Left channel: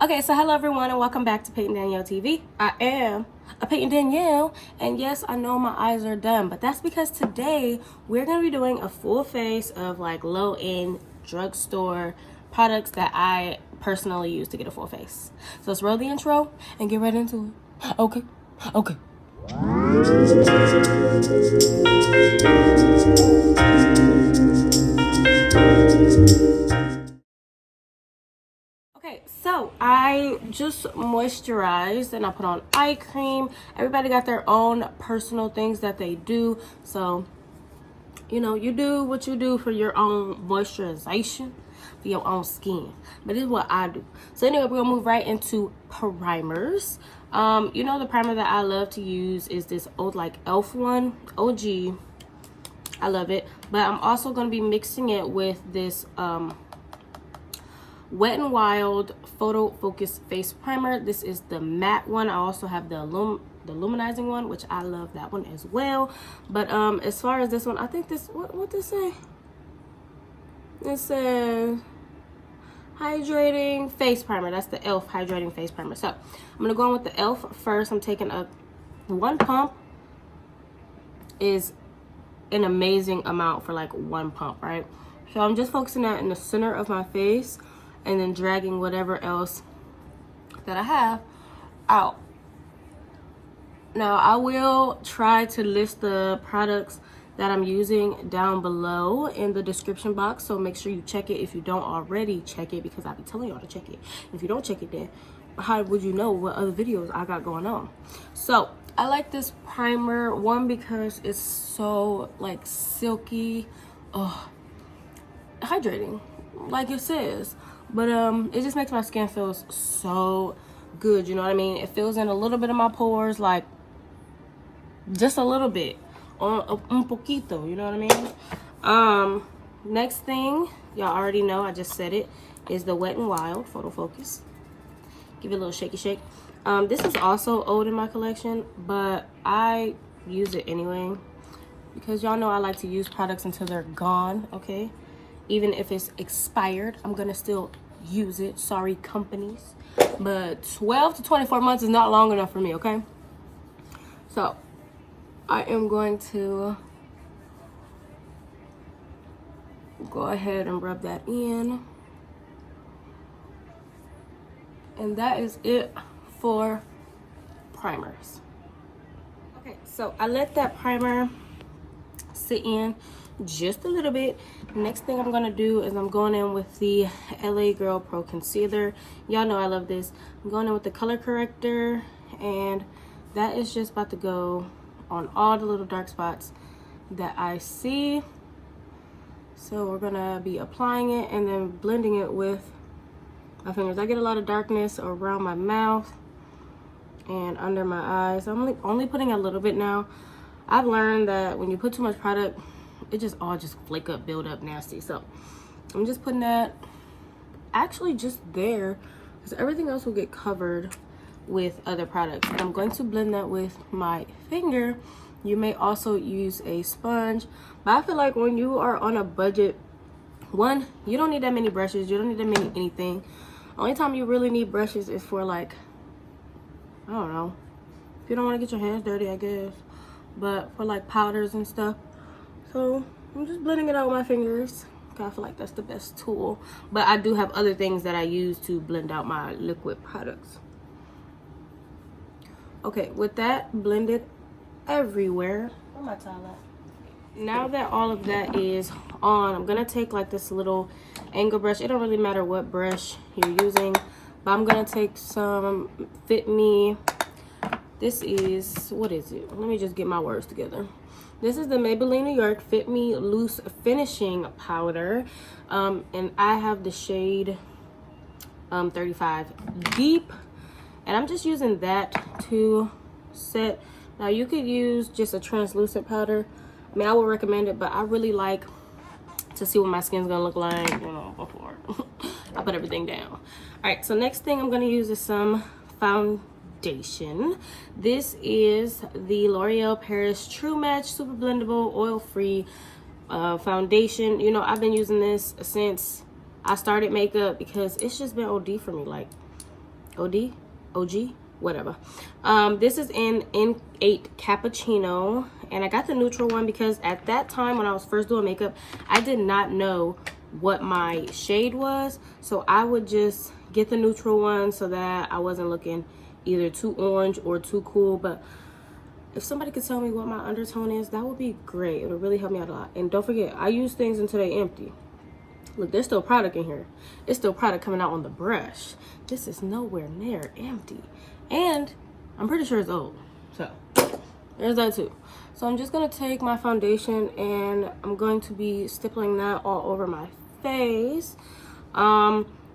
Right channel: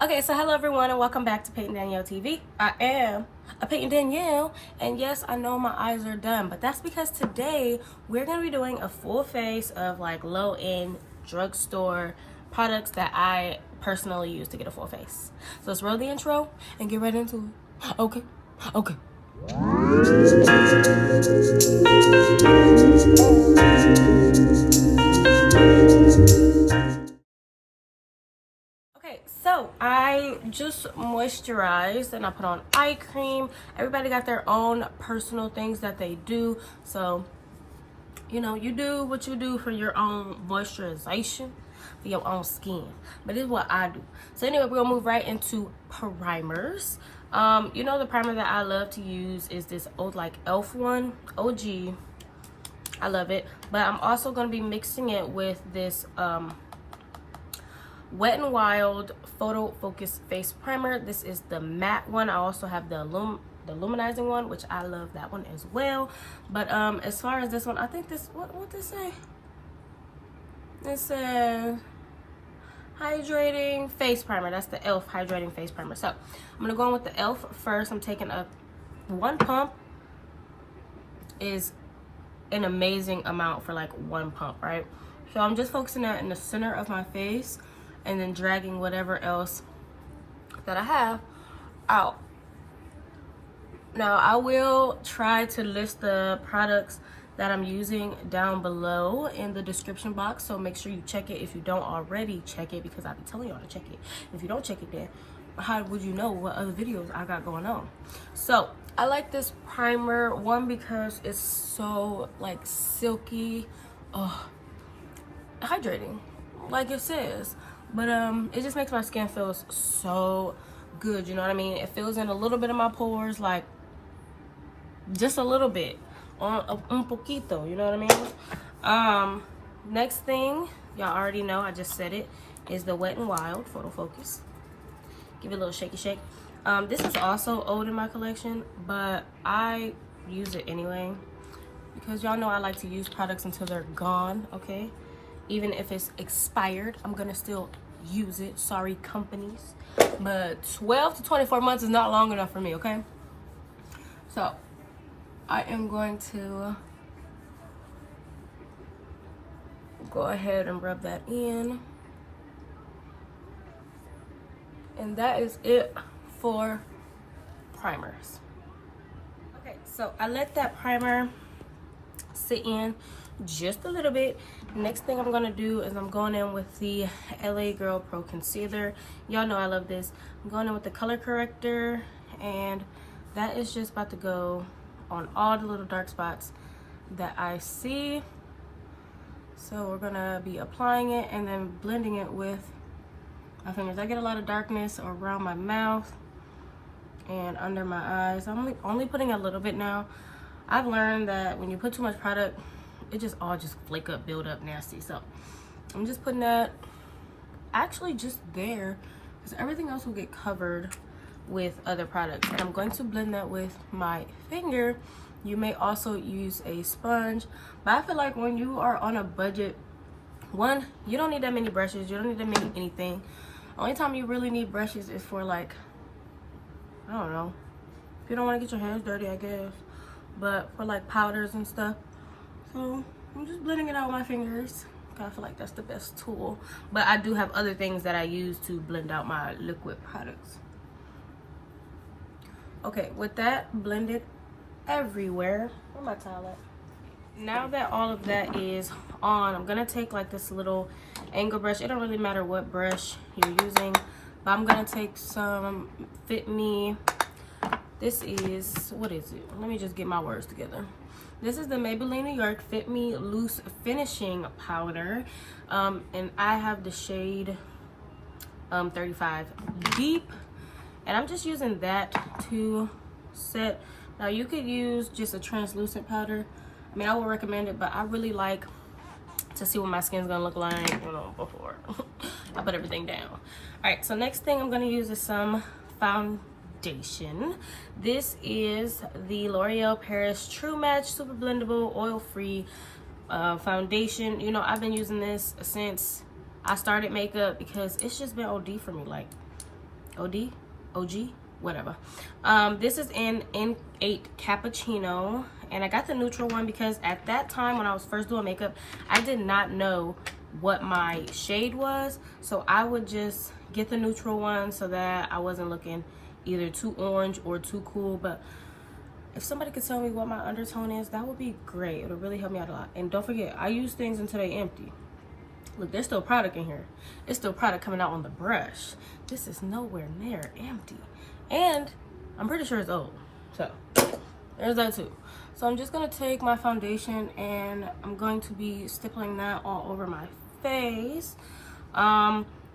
Okay, so hello everyone and welcome back to PaytonDanelleTV. I am a Payton Danielle, and yes, I know my eyes are done, but that's because today we're going to be doing a full face of like low-end drugstore products that I personally use to get a full face. So let's roll the intro and get right into it. Okay. Okay, so I just moisturized and I put on eye cream. Everybody got their own personal things that they do. So, you know, you do what you do for your own moisturization, for your own skin. But this is what I do. So anyway, we're gonna move right into primers. You know, the primer that I love to use is this old like E.L.F. one, OG. I love it. But I'm also gonna be mixing it with this Wet n Wild Photo Focus Face Primer. This is the matte one. I also have the luminizing one, which I love that one as well. But as far as this one, I think this, what this say? It says Hydrating Face Primer. That's the E.L.F. Hydrating Face Primer. So I'm gonna go in with the E.L.F. first. I'm taking one pump is an amazing amount for like one pump, right? So I'm just focusing that in the center of my face and then dragging whatever else that I have out. Now I will try to list the products that I'm using down below in the description box, so make sure you check it if you don't already check it, because I'll be telling y'all to check it. If you don't check it, then how would you know what other videos I got going on? So I like this primer, one, because it's so like silky, hydrating like it says, but it just makes my skin feel so good, you know what I mean? It fills in a little bit of my pores, like just a little bit, un poquito, you know what I mean? Next thing, y'all already know, I just said it, is the Wet n Wild Photo Focus. Give it a little shaky shake. This is also old in my collection, but I use it anyway because y'all know I like to use products until they're gone, okay? Even if it's expired, I'm gonna still use it. Sorry, companies. But 12 to 24 months is not long enough for me, okay? So I am going to go ahead and rub that in. And that is it for primers. Okay, so I let that primer sit in just a little bit. Next thing I'm gonna do is I'm going in with the LA Girl Pro Concealer. Y'all know I love this. I'm going in with the color corrector, and that is just about to go on all the little dark spots that I see. So we're gonna be applying it and then blending it with my fingers. I get a lot of darkness around my mouth and under my eyes. I'm only putting a little bit now. I've learned that when you put too much product, it just all flake up, build up nasty. So I'm just putting that actually just there, because everything else will get covered with other products. And I'm going to blend that with my finger. You may also use a sponge, but I feel like when you are on a budget, one, you don't need that many brushes, you don't need that many anything. Only time you really need brushes is for like, I don't know, if you don't want to get your hands dirty, I guess, but for like powders and stuff. So I'm just blending it out with my fingers. I feel like that's the best tool, but I do have other things that I use to blend out my liquid products. Okay, with that blended everywhere, where my towel at? Now that all of that is on, I'm gonna take like this little angle brush. It don't really matter what brush you're using, but I'm gonna take some Fit Me. This is, what is it? Let me just get my words together. This is the Maybeline New York Fit Me Loose Finishing Powder, and I have the shade 35 Deep, and I'm just using that to set. Now you could use just a translucent powder. I mean, I would recommend it, but I really like to see what my skin's gonna look like, you know, before I put everything down. All right, so next thing I'm gonna use is some foundation. This is the L'Oreal Paris True Match Super Blendable Oil-Free foundation. You know, I've been using this since I started makeup because it's just been OD for me. Like, OG, whatever. This is in N8 Cappuccino, and I got the neutral one because at that time when I was first doing makeup, I did not know what my shade was, so I would just get the neutral one so that I wasn't looking either too orange or too cool. But if somebody could tell me what my undertone is, that would be great. It would really help me out a lot. And don't forget, I use things until they empty. Look, there's still product in here. It's still product coming out on the brush. This is nowhere near empty. And I'm pretty sure it's old. So there's that too. So I'm just gonna take my foundation and I'm going to be stippling that all over my face.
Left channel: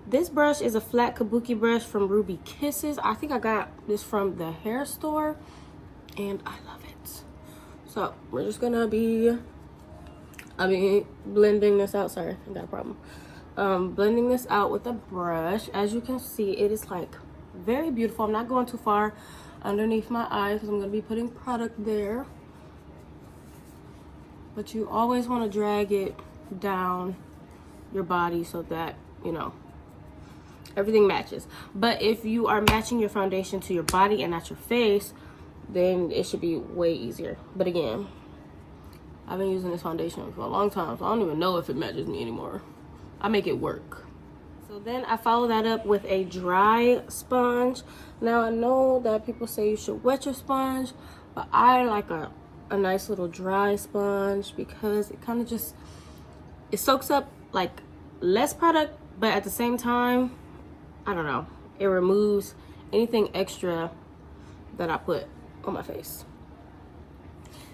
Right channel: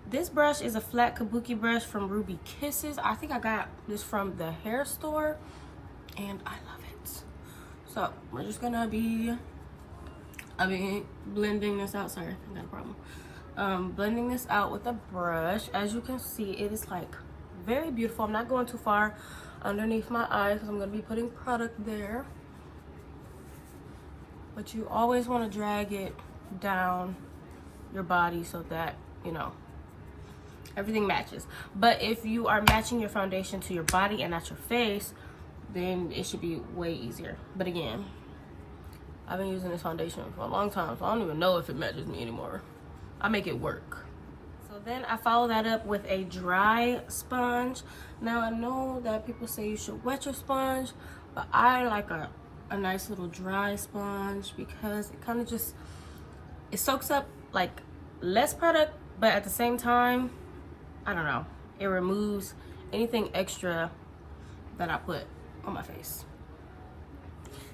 This brush is a flat kabuki brush from Ruby Kisses. I think I got this from the Hairstore and I love it. So we're just gonna be, blending this out. Sorry, I got a problem. Blending this out with a brush. As you can see, it is like very beautiful. I'm not going too far underneath my eyes because I'm gonna be putting product there. But you always want to drag it down your body so that, you know, everything matches. But if you are matching your foundation to your body and not your face, then it should be way easier. But again, I've been using this foundation for a long time, so I don't even know if it matches me anymore. I make it work. So then I follow that up with a dry sponge. Now I know that people say you should wet your sponge, but I like a nice little dry sponge because it kind of just, it soaks up like less product, but at the same time, I don't know, it removes anything extra that I put on my face.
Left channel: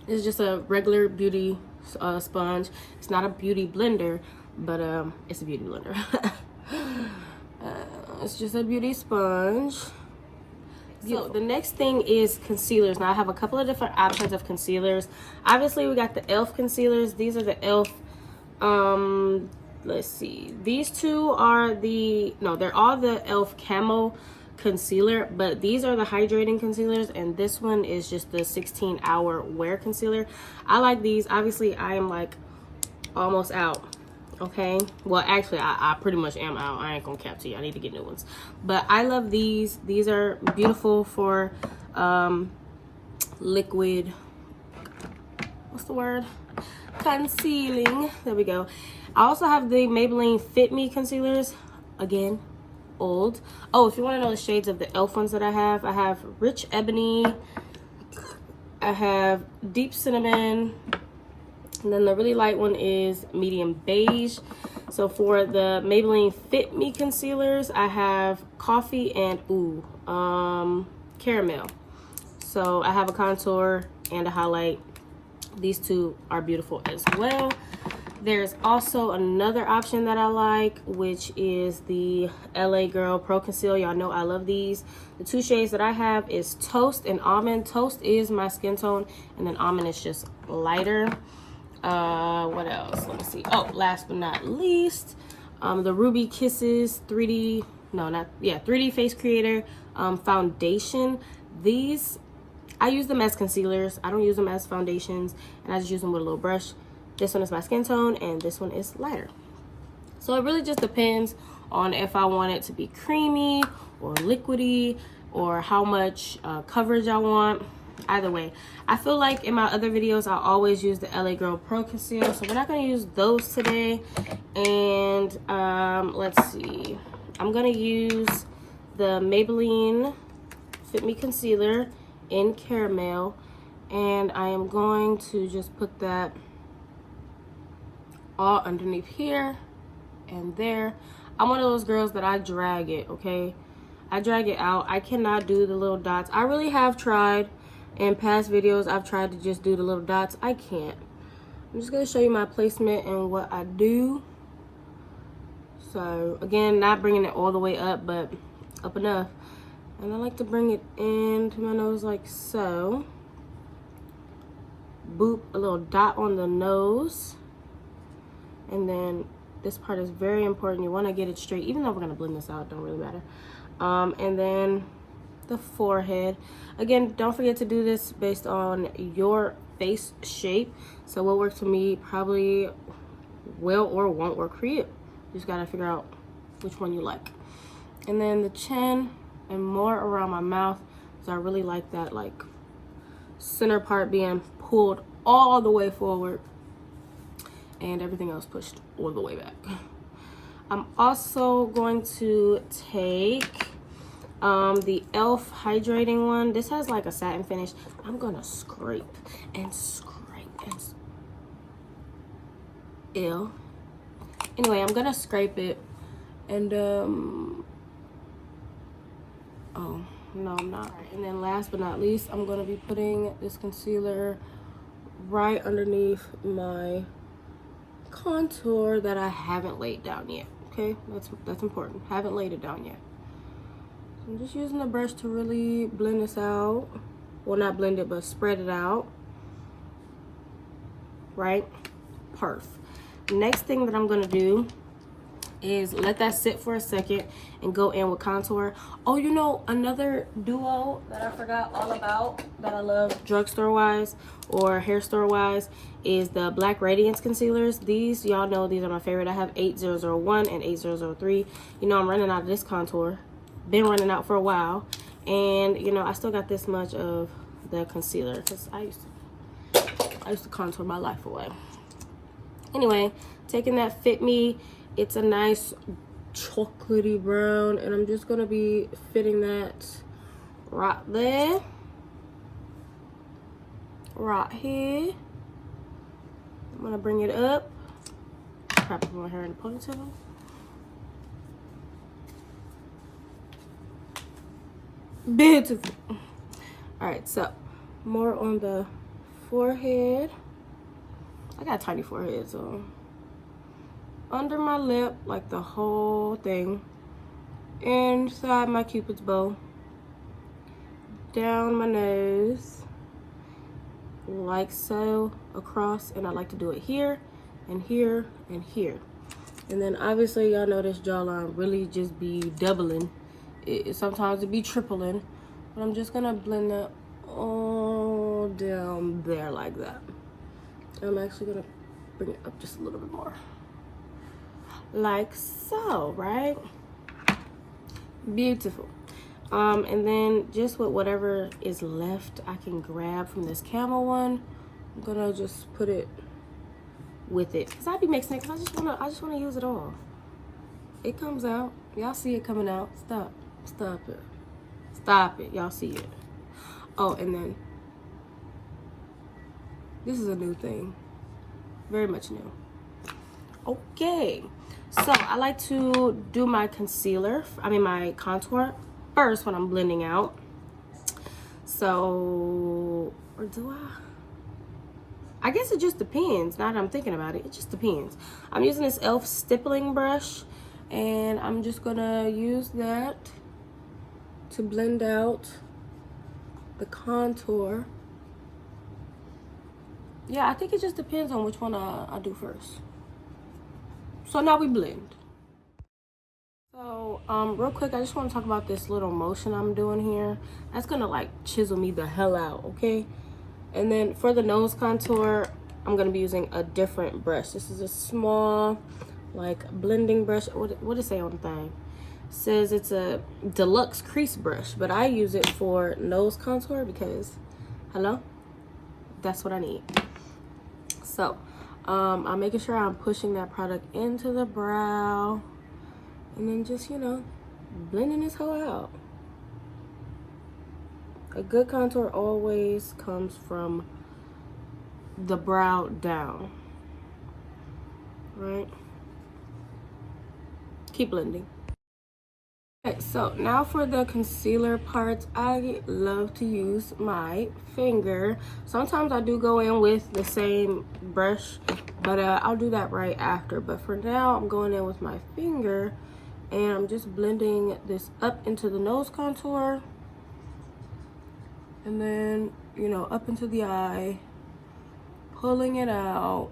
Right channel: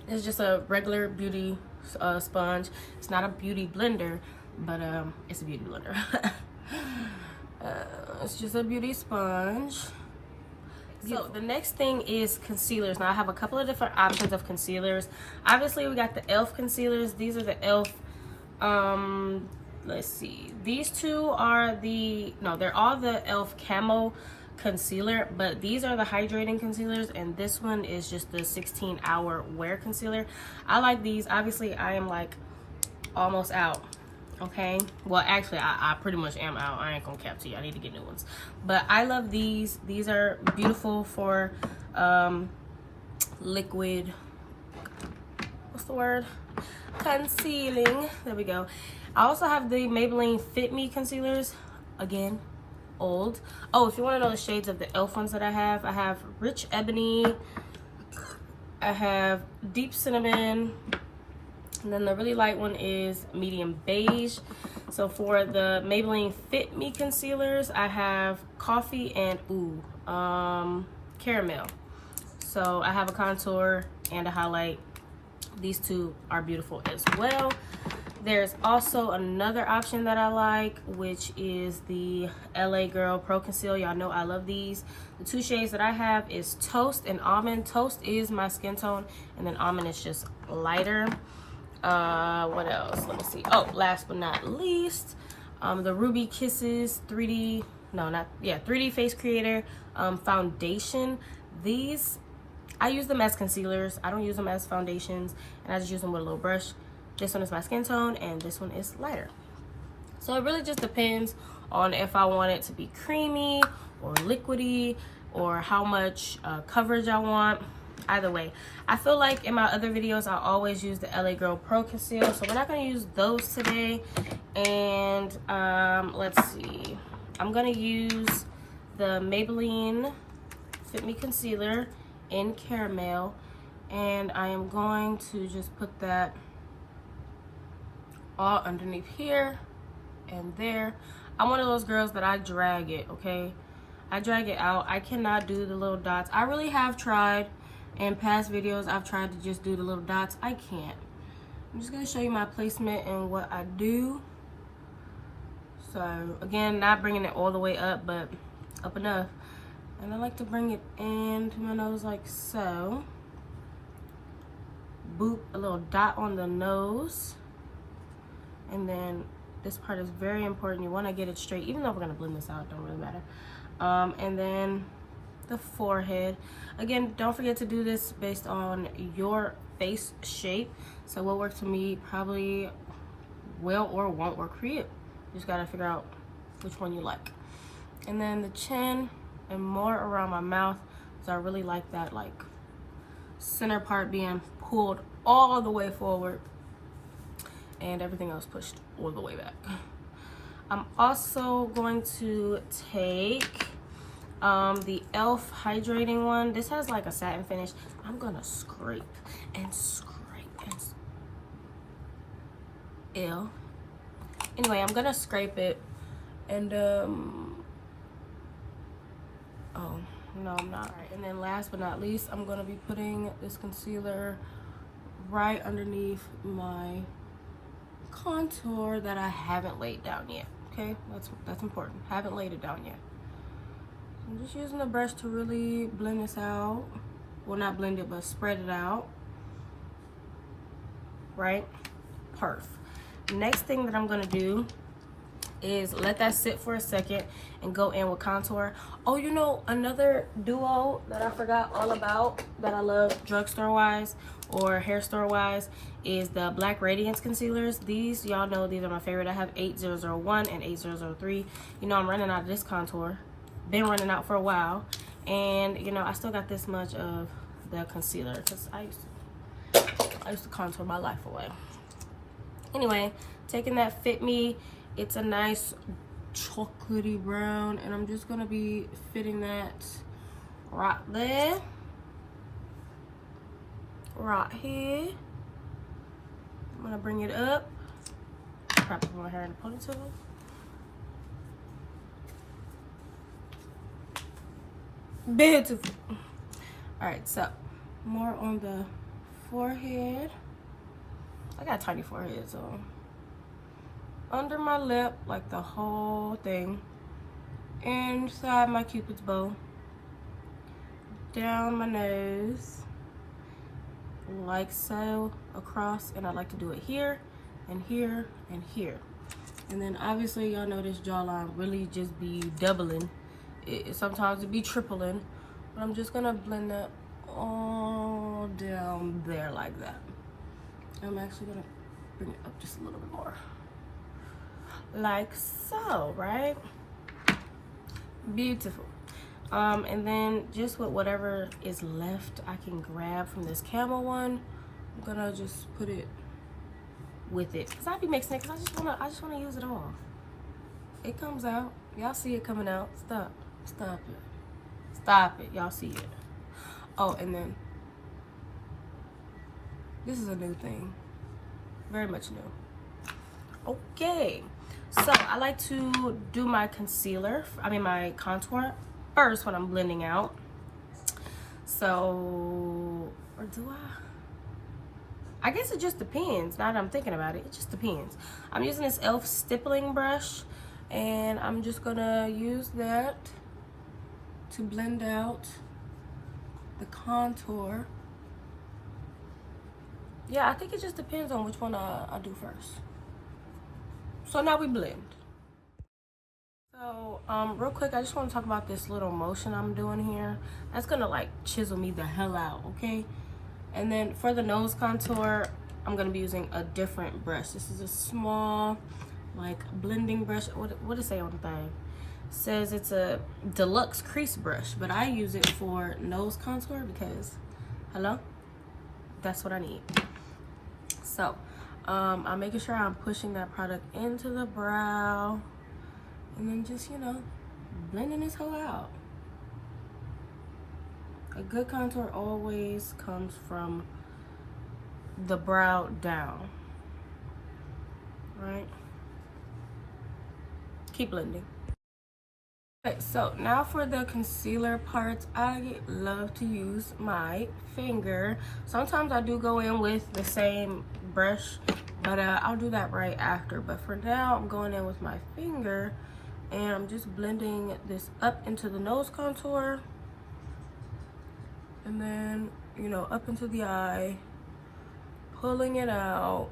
It's just a regular beauty sponge. It's not a beauty blender, but it's a beauty blender. It's just a beauty sponge. So the next thing is concealers. Now I have a couple of different options of concealers. Obviously we got the E.L.F. concealers. These are the E.L.F. Let's see. These two are they're all the E.L.F. Camo concealer, but these are the hydrating concealers, and this one is just the 16-hour wear concealer. I like these. Obviously I am like almost out. Okay, well actually I pretty much am out. I ain't gonna cap to you. I need to get new ones, but I love these. These are beautiful for liquid, what's the word, concealing. There we go. I also have the Maybeline Fit Me concealers, again old. Oh, if you want to know the shades of the E.L.F. ones that I have Rich Ebony, I have Deep Cinnamon, and then the really light one is medium beige. So for the Maybelline Fit Me concealers, I have coffee and caramel. So I have a contour and a highlight. These two are beautiful as well. There's also another option that I like, which is the LA Girl Pro Conceal. Y'all know I love these. The two shades that I have is Toast and Almond. Toast is my skin tone, and then Almond is just lighter. What else? Let me see. Oh, last but not least, the Ruby Kisses 3D Face Creator foundation. These, I use them as concealers. I don't use them as foundations, and I just use them with a little brush. This one is my skin tone, and this one is lighter. So it really just depends on if I want it to be creamy or liquidy, or how much coverage I want. Either way, I feel like in my other videos I always use the LA Girl Pro Conceal, so we're not going to use those today. And let's see, I'm going to use the Maybelline Fit Me concealer in caramel, and I am going to just put that all underneath here and there. I'm one of those girls that I drag it, okay? I drag it out. I cannot do the little dots. I really have tried. In past videos, I've tried to just do the little dots. I can't. I'm just going to show you my placement and what I do. So, again, not bringing it all the way up, but up enough. And I like to bring it into my nose like so. Boop, a little dot on the nose. And then this part is very important. You want to get it straight, even though we're going to blend this out. It don't really matter. And then the forehead. Again, don't forget to do this based on your face shape. So what works for me probably will or won't work for you. You just gotta figure out which one you like. And then the chin, and more around my mouth, because I really like that like center part being pulled all the way forward and everything else pushed all the way back. I'm also going to take the E.L.F. hydrating one. This has like a satin finish. I'm gonna scrape and scrape and ew. Anyway, I'm gonna scrape it and oh no, I'm not. Right, and then last but not least, I'm gonna be putting this concealer right underneath my contour that I haven't laid down yet. Okay, that's important. Haven't laid it down yet. I'm just using the brush to really blend this out. Well, not blend it, but spread it out. Right? Perf. Next thing that I'm gonna do is let that sit for a second and go in with contour. Oh, you know, another duo that I forgot all about that I love drugstore wise or Hairstore wise is the Black Radiance concealers. These, y'all know, these are my favorite. I have 8001 and 8003. You know, I'm running out of this contour. Been running out for a while, and you know, I still got this much of the concealer because I used to contour my life away. Anyway, taking that Fit Me, it's a nice chocolatey brown, and I'm just gonna be fitting that right there, right here. I'm gonna bring it up, wrap my hair in a ponytail. Beautiful. All right, so more on the forehead. I got a tiny forehead, so under my lip, like the whole thing, inside my cupid's bow, down my nose, like so, across, and I like to do it here and here and here. And then obviously y'all know this jawline really just be doubling. Sometimes it be tripling, but I'm just gonna blend that all down there like that. I'm actually gonna bring it up just a little bit more, like so, right? Beautiful. And then just with whatever is left I can grab from this Camo one, I'm gonna just put it with it, because I be mixing it because I just wanna use it all. It comes out, y'all see it coming out. Stop it, y'all see it. Oh, and then this is a new thing, very much new. Okay, so I like to do my concealer, my contour first when I'm blending out. So, or do I guess it just depends. Now that I'm thinking about it, it just depends. I'm using this E.L.F. stippling brush, and I'm just gonna use that to blend out the contour. Yeah, I think it just depends on which one I do first. So now we blend. So real quick, I just want to talk about this little motion I'm doing here. That's gonna like chisel me the hell out, okay? And then for the nose contour, I'm gonna be using a different brush. This is a small like blending brush. What does it say on the thing? It says it's a deluxe crease brush, but I use it for nose contour because hello, that's what I need. So I'm making sure I'm pushing that product into the brow, and then just, you know, blending this whole out. A good contour always comes from the brow down, right? Keep blending. Okay, so now for the concealer parts, I love to use my finger. Sometimes I do go in with the same brush, but I'll do that right after. But for now, I'm going in with my finger, and I'm just blending this up into the nose contour, and then, you know, up into the eye, pulling it out,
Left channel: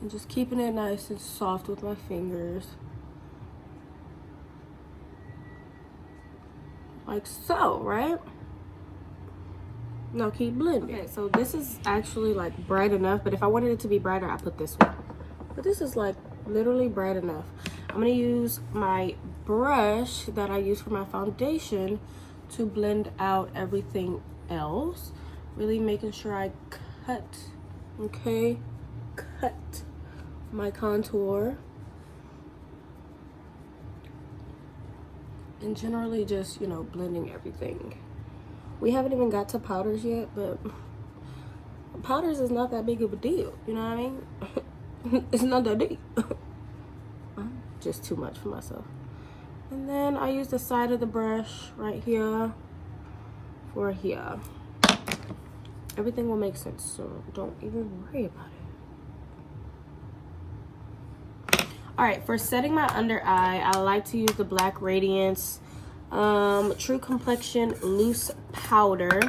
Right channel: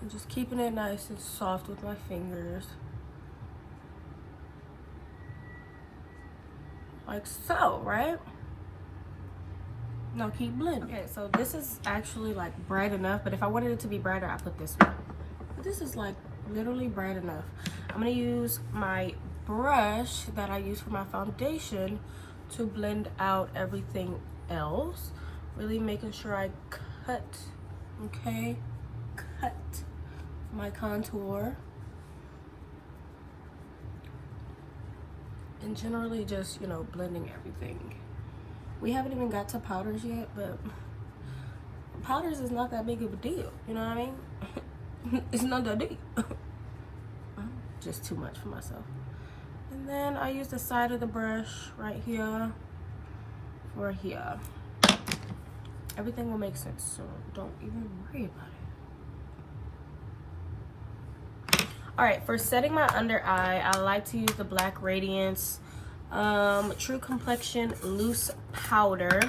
and just keeping it nice and soft with my fingers. Like so, right? Now keep blending. Okay, so this is actually like bright enough, but if I wanted it to be brighter, I put this one. But this is like literally bright enough. I'm gonna use my brush that I use for my foundation to blend out everything else. Really making sure I cut, okay, cut my contour. And generally just, you know, blending everything. We haven't even got to powders yet, but powders is not that big of a deal, you know what I mean? It's not that deep. Just too much for myself. And then I use the side of the brush right here for here. Everything will make sense, so don't even worry about it. All right, for setting my under eye, I like to use the black Radiance True Complexion loose powder.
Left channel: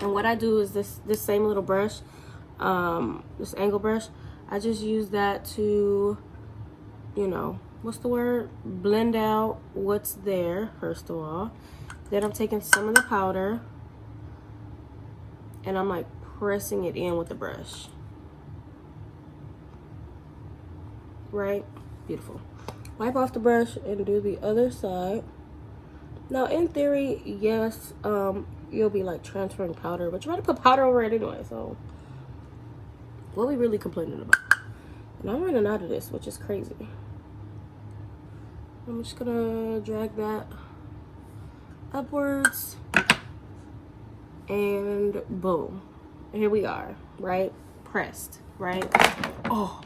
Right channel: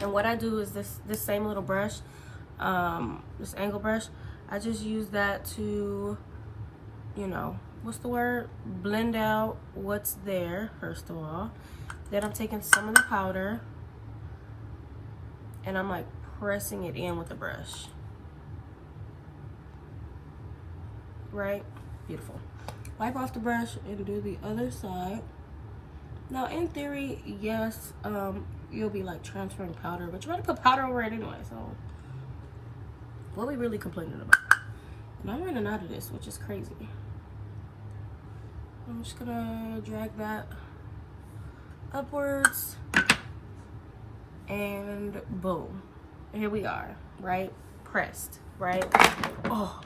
And what I do is this same little brush, this angle brush, I just use that to, you know, what's the word, blend out what's there first of all. Then I'm taking some of the powder and I'm like pressing it in with the brush. Right? Beautiful. Wipe off the brush and do the other side. Now in theory, yes, you'll be like transferring powder, but you want to put powder over it anyway, so what are we really complaining about? And I'm running out of this, which is crazy. I'm just gonna drag that upwards and boom, here we are, right? Pressed, right? Oh,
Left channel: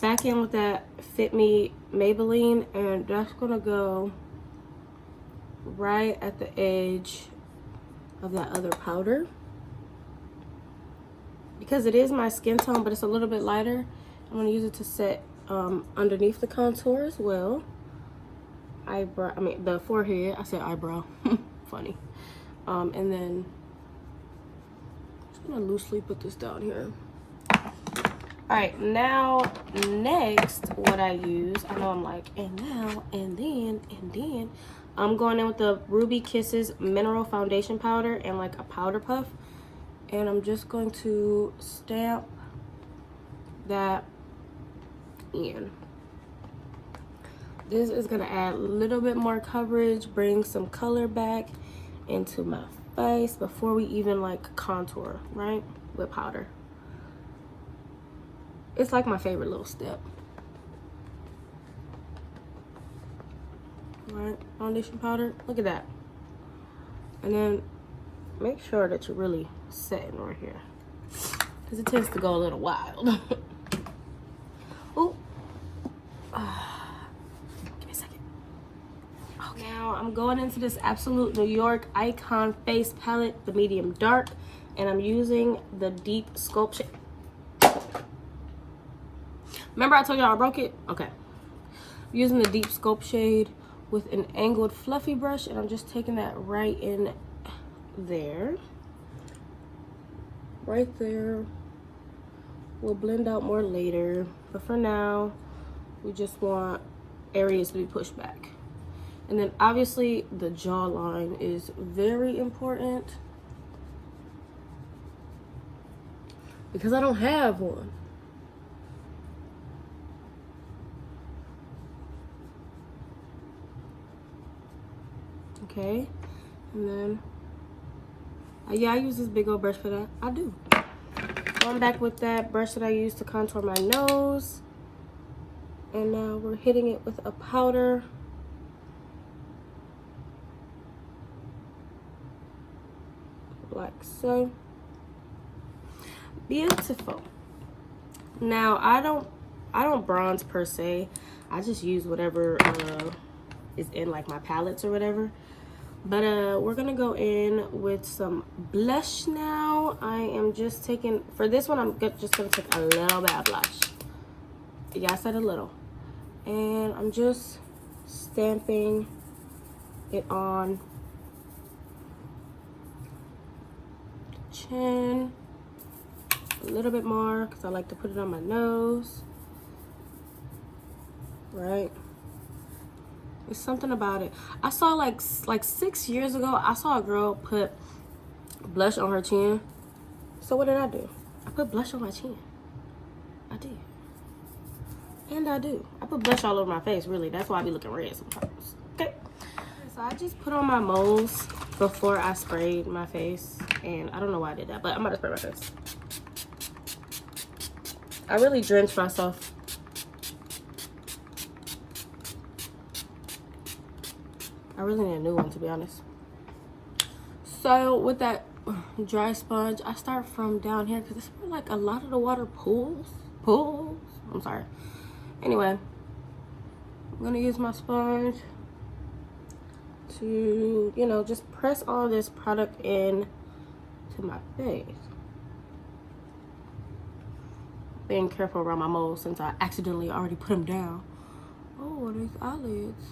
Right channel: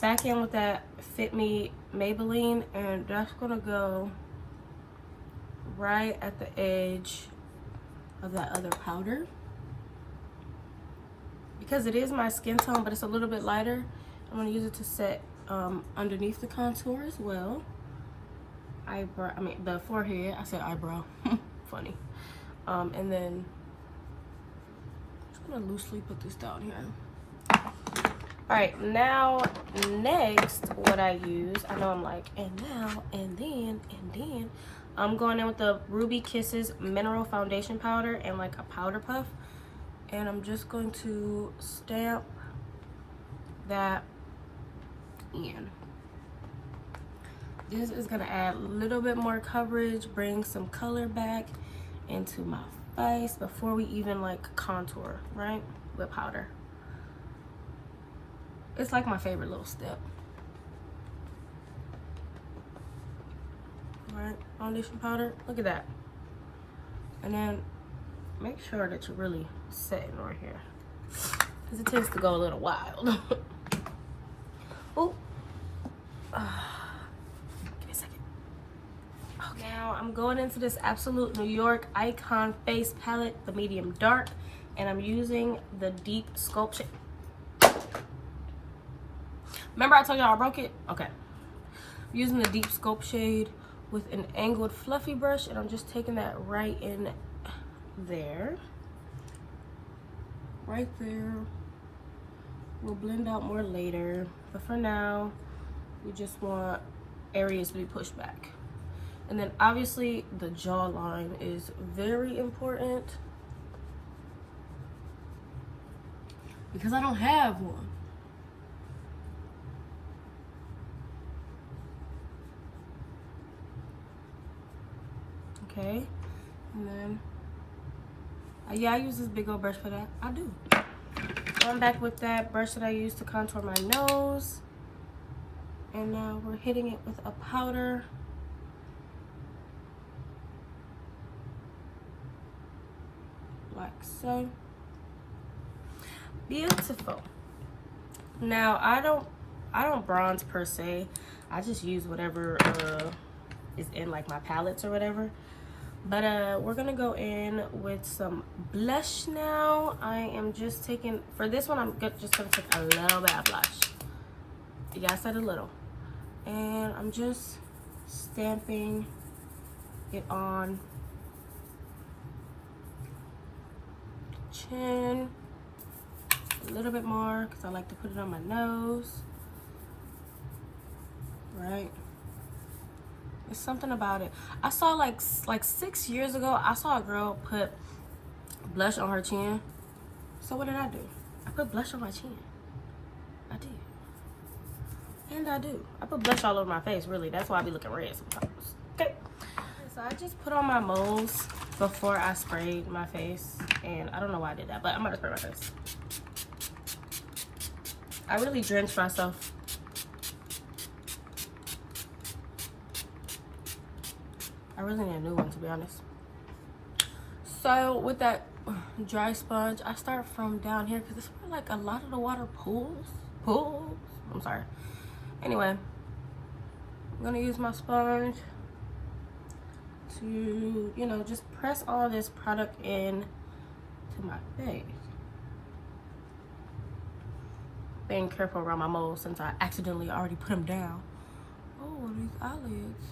back in with that Fit Me Maybeline, and that's gonna go right at the edge of that other powder. Because it is my skin tone, but it's a little bit lighter, I'm gonna use it to set underneath the contour as well. Eyebrow, I mean the forehead, I said eyebrow, funny. And then I'm just gonna loosely put this down here. All right, now next what I use, I know I'm like, and now, and then, I'm going in with the Ruby Kisses Mineral Foundation Powder and like a powder puff. And I'm just going to stamp that in. This is gonna add a little bit more coverage, bring some color back into my face before we even like contour, right? With powder. It's like my favorite little step. Right, foundation powder, look at that. And then make sure that you're really setting right here, because it tends to go a little wild. Oh, give me a second. Okay, now I'm going into this Absolute New York Icon Face Palette, the medium dark, and I'm using the deep sculpt shade. Remember I told y'all I broke it? Okay. I'm using the deep sculpt shade with an angled fluffy brush, and I'm just taking that right in there. Right there. We'll blend out more later, but for now we just want areas to be pushed back. And then obviously the jawline is very important because I don't have one. Okay, and then yeah, I use this big old brush for that. I do. Going back with that brush that I used to contour my nose, and now we're hitting it with a powder. Like so. Beautiful. Now I don't bronze per se. I just use whatever is in like my palettes or whatever. But we're gonna go in with some blush now. I am just taking, for this one, I'm just gonna take a little bit of blush. Yeah, I said a little. And I'm just stamping it on chin. A little bit more, because I like to put it on my nose. Right? There's something about it. I saw like 6 years ago, I saw a girl put blush on her chin. So what did I do? I put blush on my chin. I did. And I do. I put blush all over my face, really. That's why I be looking red sometimes. Okay. So I just put on my molds before I sprayed my face. And I don't know why I did that, but I'm gonna spray my face. I really drenched myself. I really need a new one, to be honest. So with that dry sponge, I start from down here because it's where like a lot of the water pools. I'm sorry. Anyway, I'm gonna use my sponge to, you know, just press all this product in to my face. Being careful around my moles since I accidentally already put them down. Oh, these eyelids.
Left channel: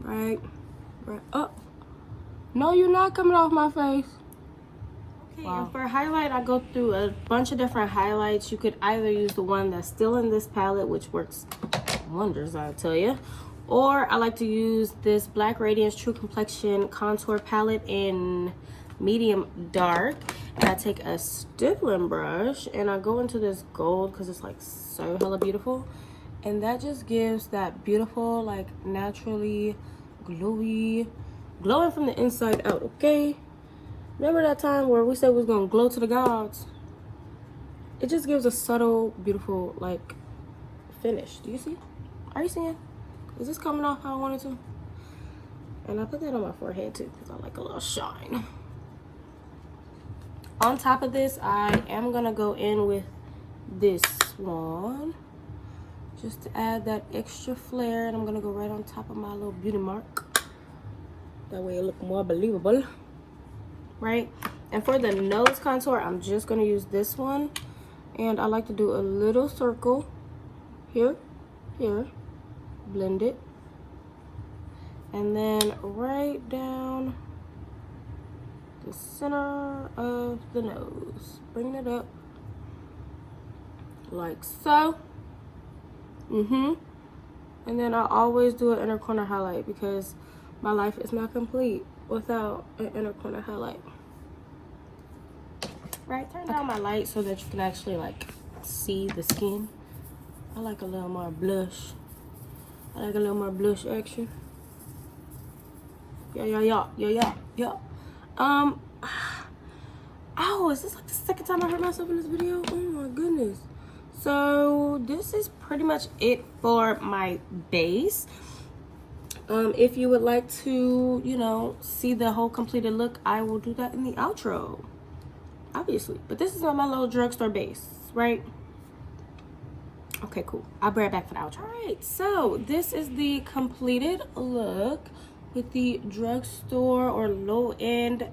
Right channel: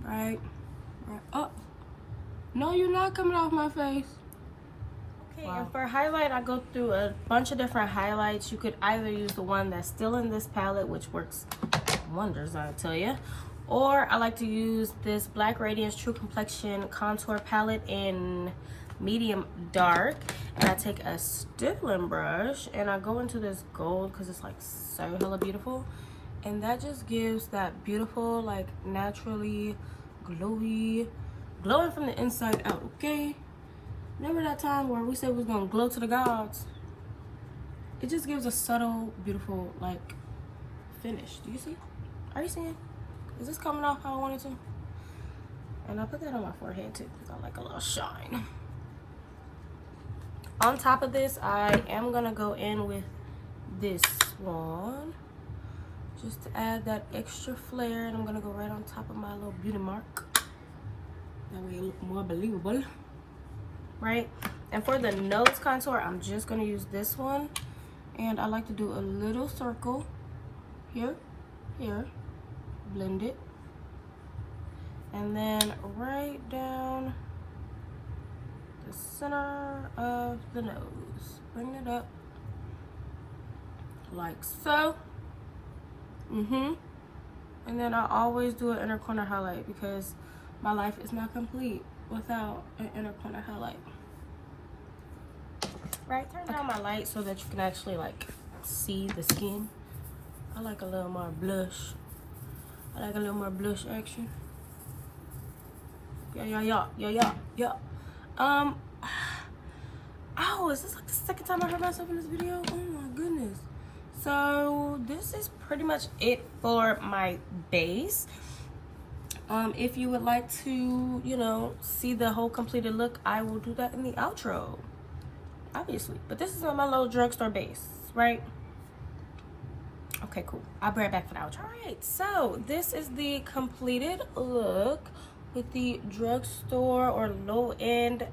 Right up. No, you're not coming off my face. Okay, wow. And for highlight, I go through a bunch of different highlights. You could either use the one that's still in this palette, which works wonders, I tell you. Or I like to use this Black Radiance True Complexion Contour Palette in medium dark. And I take a stippling brush and I go into this gold because it's like so hella beautiful. And that just gives that beautiful, like naturally glowy, glowing from the inside out, okay? Remember that time where we said we was gonna glow to the gods? It just gives a subtle, beautiful, like, finish. Do you see? Are you seeing? Is this coming off how I wanted to? And I put that on my forehead too, because I like a little shine. On top of this, I am gonna go in with this one, just to add that extra flare, and I'm gonna go right on top of my little beauty mark. That way it look more believable, right? And for the nose contour, I'm just gonna use this one, and I like to do a little circle here, blend it, and then right down the center of the nose, bring it up like so. And then I always do an inner corner highlight because my life is not complete without an inner corner highlight. Right, turn down my light so that you can actually like see the skin. I like a little more blush. I like a little more blush action. Yeah. Oh, is this like the second time I hurt myself in this video? Oh my goodness. So this is pretty much it for my base. If you would like to, you know, see the whole completed look, I will do that in the outro, obviously. But this is on my little drugstore base, right? Okay, cool. I'll be right back for the outro. All right, so this is the completed look with the drugstore or low-end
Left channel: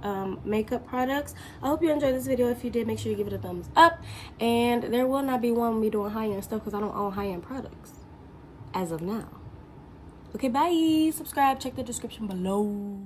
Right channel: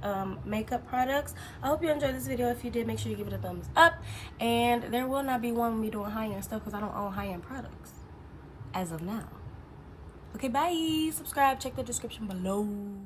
makeup products. I hope you enjoyed this video. If you did, make sure you give it a thumbs up. And there will not be one of me doing high-end stuff because I don't own high-end products as of now. Okay, bye. Subscribe. Check the description below.